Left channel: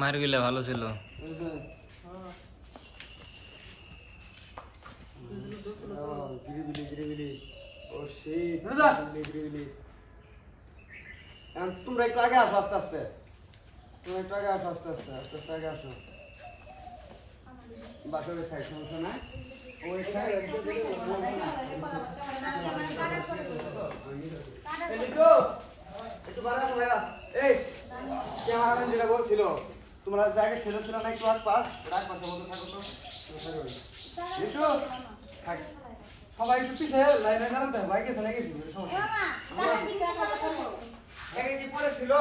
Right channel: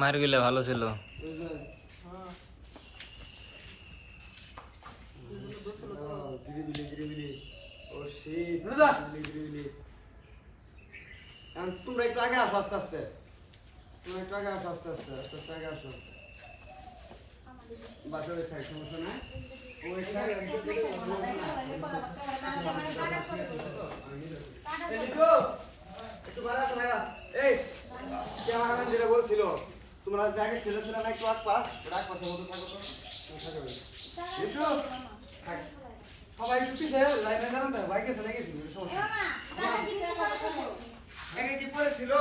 মার গেলে ভালো ছিল। তোমরা একটু আগে আসো আস্তে আস্তে, তোমরা একটু আগে আসো আস্তে আস্তে আস্তে আস্তে আগে আসো। বাসায় থাক, সমস্যা নাই। যেটা বলছিল তোমরা জায়গায় ছেলে ছিল না, একটু পাস রাখ পাশের মধ্যে থাকো তো সবাই একটু পিছিয়ে লাইনে যান তো, বাইকে চলে গেছি সমস্যা কি পরে ছিল।